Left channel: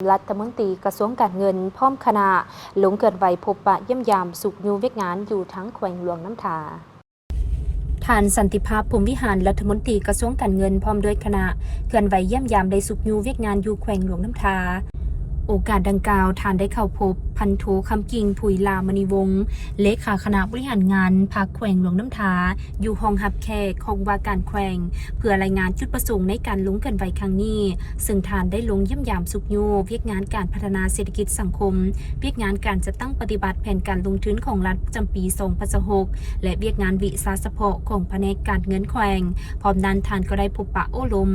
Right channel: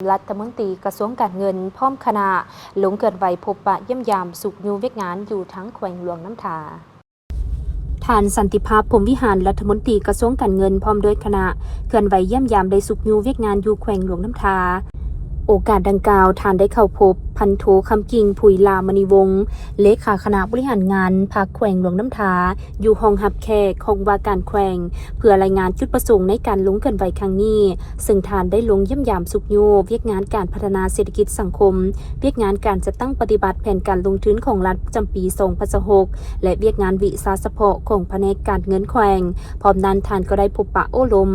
รัฐมนตรีกระทรวงการเงินพร้อมคณะลงเกิดไหวพบปะเยี่ยมยามสุขยูเวียกงานอยู่ทั้งแขวงหลวงน้ำทาท่านสันติภาพพรหมวิหารรัฐมนตรีกระทรวงการเงินพร้อมด้วยคณะเกิดไหวเยี่ยมยามได้สุขยูเวียกงานอยู่แขวงหลวงน้ำทาโอกาสดังกล่าวท่านได้เข้าพบพันโทคำกิ่งผุยลามณีวงศ์เลขาคณะบริหารงานภาคแขวงหลวงน้ำทาอยู่ห้องหับแขกของว่าการแขวงเพื่อรายงานจุดประสงค์ในการลงเกินไหวครั้งนี้ซึ่งท่านได้ลงเยี่ยมยามสุขยูเวียกงานการพัฒนาเศรษฐกิจสังคมเวียกงานการจัดตั้งปฏิบัติแผนการลงทุนของรัฐประจำปี2026และเวียกงานวิสาสะเพาะของแผนกการเงินแขวงพร้อมนั้นท่านก็ได้พบปะโอ้ล้ม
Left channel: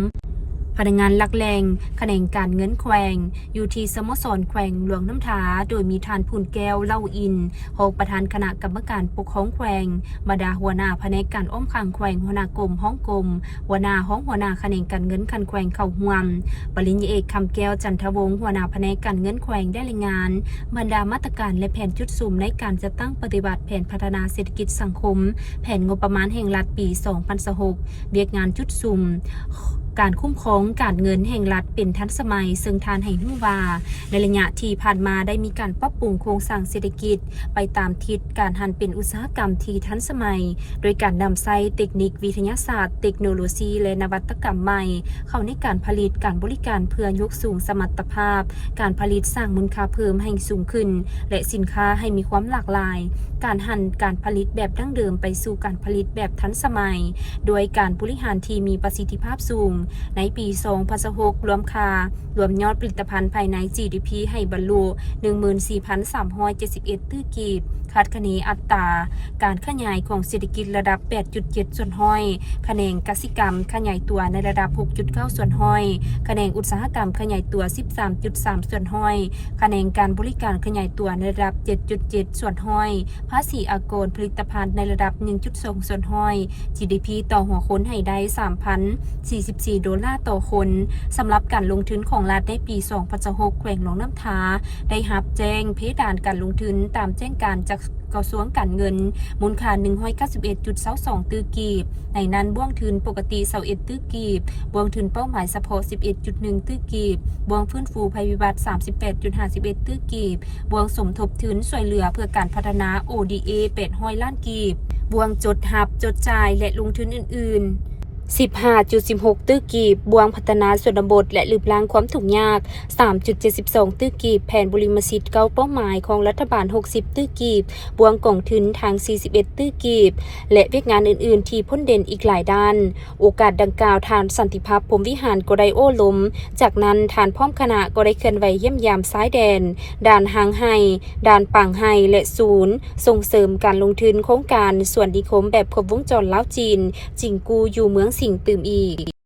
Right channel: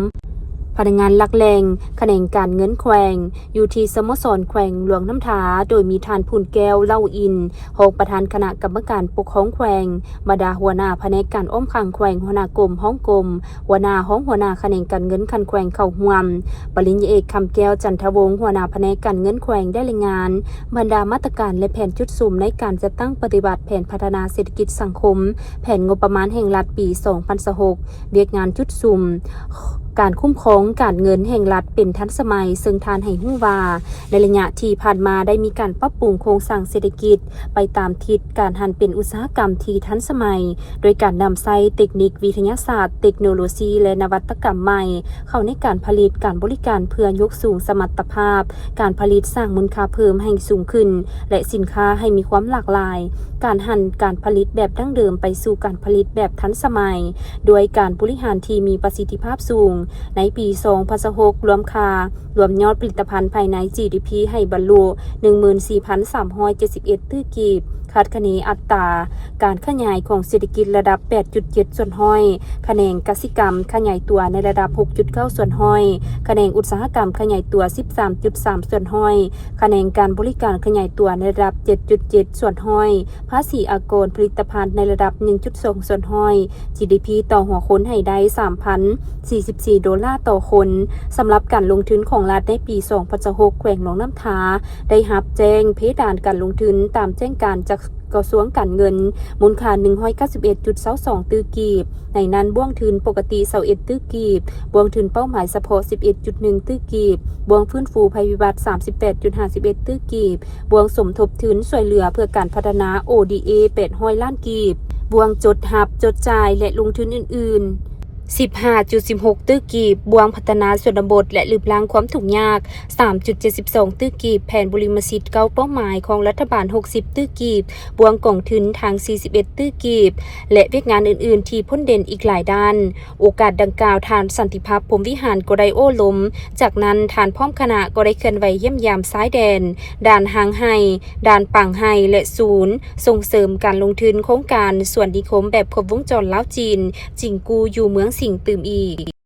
พนักงานหลักแหล่งแขนงการเงินแขวงอยู่ที่สโมสรแขวงหลวงน้ำทาโดยมีท่านพูนแก้วเล่าอินรองประธานคณะกรรมการปกครองแขวงบรรดาหัวหน้าแผนกการอ้อมข้างแขวงหัวหน้ากรมห้องกรมหัวหน้าห้องหัวหน้าแขนงการเงินคันแขวงเข้าห่วมปริญญาเอกคำแก้วจันทวงศ์หัวหน้าแผนกการเงินแขวงได้รายงานบรรดามาตรการและแผนจุดสุ่มในการจัดตั้งปฏิบัติแผนพัฒนาเศรษฐกิจสังคมแผนงบประมาณแห่งรัฐปี2026เวียกงานจุดสุ่มการคุ้มครองการเงินแห่งรัฐเป็นทันสมัยซึ่งทานให้ฮู้ว่าในระยะที่ผ่านมาได้มีการปรับปรุงโครงสร้างเศรษฐกิจไปตามทิศการหันเป็นอุตสาหกรรมที่ทันสมัยโดยการนำใช้เทคนิควิทยาศาสตร์เทคโนโลยีและนวัตกรรมใหม่เข้าในการผลิตการบริการเพื่อยกสูงสมรรถภาพการผลิตสร้างมูลค่าเพิ่มให้สูงขึ้นและสินค้าให้มีความหลากหลายการหันการผลิตแบบดั้งเดิมไปสู่การผลิตแบบทันสมัยโดยการบริหารที่มีประสิทธิภาพสูงในปี2026รวมยอดผลิตภัณฑ์ภายใน GDP ให้บรรลุ 14,371 ตื้อกีบคาดคะเนอัตราการขยายของเศรษฐกิจระดับ 8.7 ส่วนห้อยแขนงกสิกรรมขยายตัวในระดับ 6.9 ส่วนห้อยแขนงอุตสาหกรรมขยายตัว 13.3 ส่วนห้อยแขนงการบริการขยายตัวในระดับ 7.7 ส่วนห้อยภาษีอากรผลิตภัณฑ์ในระดับ 1.2 ส่วนห้อย GDP ต่อหัวคนให้ได้ 3,044 ดอลลาร์ต่อคนสำหรับการลงทุนของรัฐในปี2026แขวงหนองน้ำทาได้รับแจ้งเพดานการลงทุนตามแจ้งการจากกระทรวงการเงินมูลค่า 191.22 ตื้อกีบในนั้นบ่วงทุนปกติ21ตื้อกีบบ่วงทุนเป้าหมายเฉพาะ 11.1 ตื้อกีบบ่วงฟื้นฟูภัยพิบัติ 38.51 ตื้อกีบบ่วงสมทบทุนช่วยเหลือเพื่อการพัฒนา ODA 800 ล้านกีบบ่วงจดหับจดจ่ายและลงทุนอื่นๆ15.16 ตื้อกีบบวงพัฒนาส่วนบทและลืบล้างความทุกข์ยาก 3.72 ตื้อกีบแผนบริมสิทธิ์เก้าเป้าหมายของรัฐบาล 60 ตื้อกีบบวงกล่องทุนทาง 41 ตื้อกีบและเวียกงานอื่นๆที่พ้นเด่นอีกหลายด้านโอกาสดังกล่าวทานสันติภาพพรหมวิหารก็ได้โอ้ล้มจากนั้นทานพร้อมคณะก็ได้เคลื่อนไหวเยี่ยมยามซ้ายแดนด่านหางไห้ด่านปังไห้และศูนย์ส่งเสริมการลงทุนโครงการส่วนนิคมแบบครบวงจรลาวจีนจิงกูอยู่เมืองสิงห์ตื่มอีก